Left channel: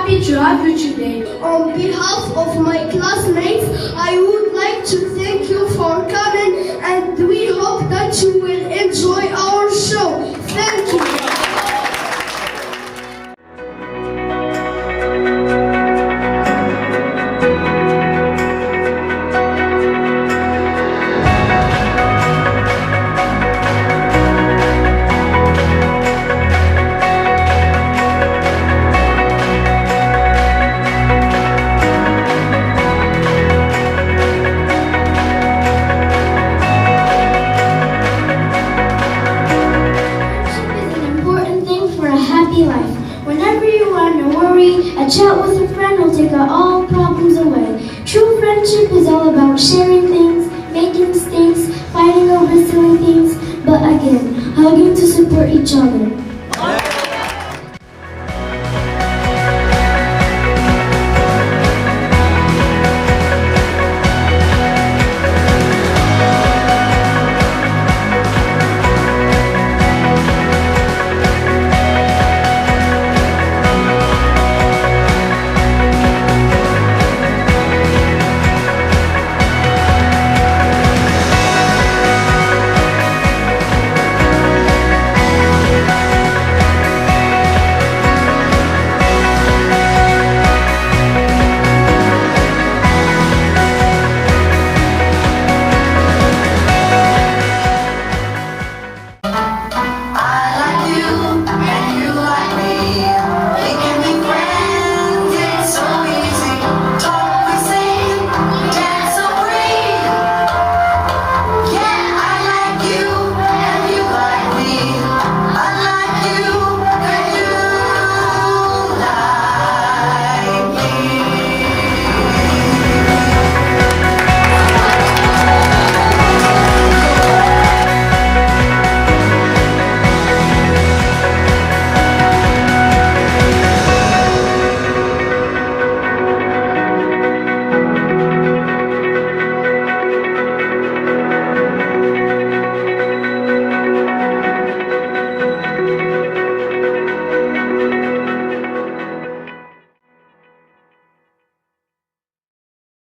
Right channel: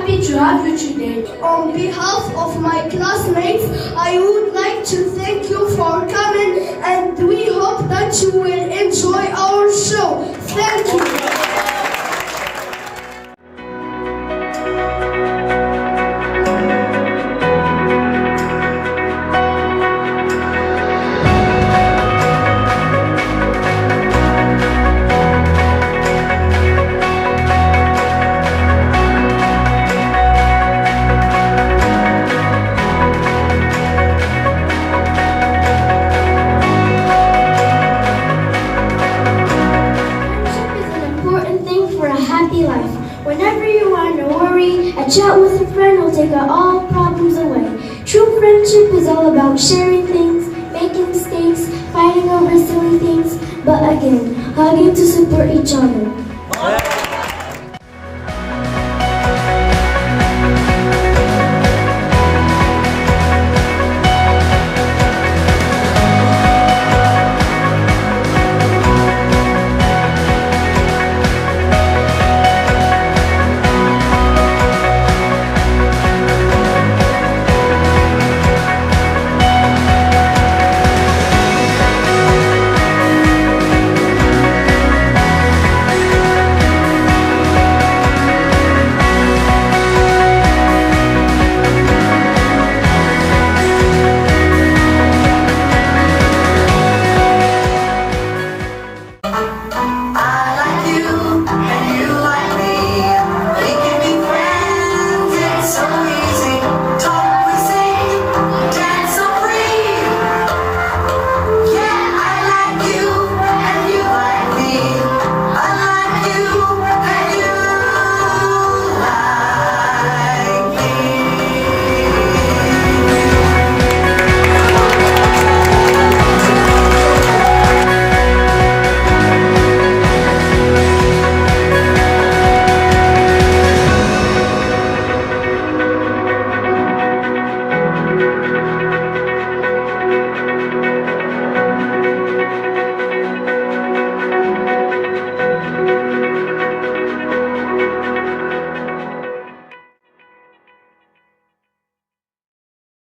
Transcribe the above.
happy to have you today. On behalf of my classmates, I would like to thank you for coming, and we hope that you will enjoy our show. Thank you. Whenever you are in a worry, a chat with a friend will take all problems away. True friendship is all about sharing things, making mistakes, fighting over silly things, but again, hugging to support each other.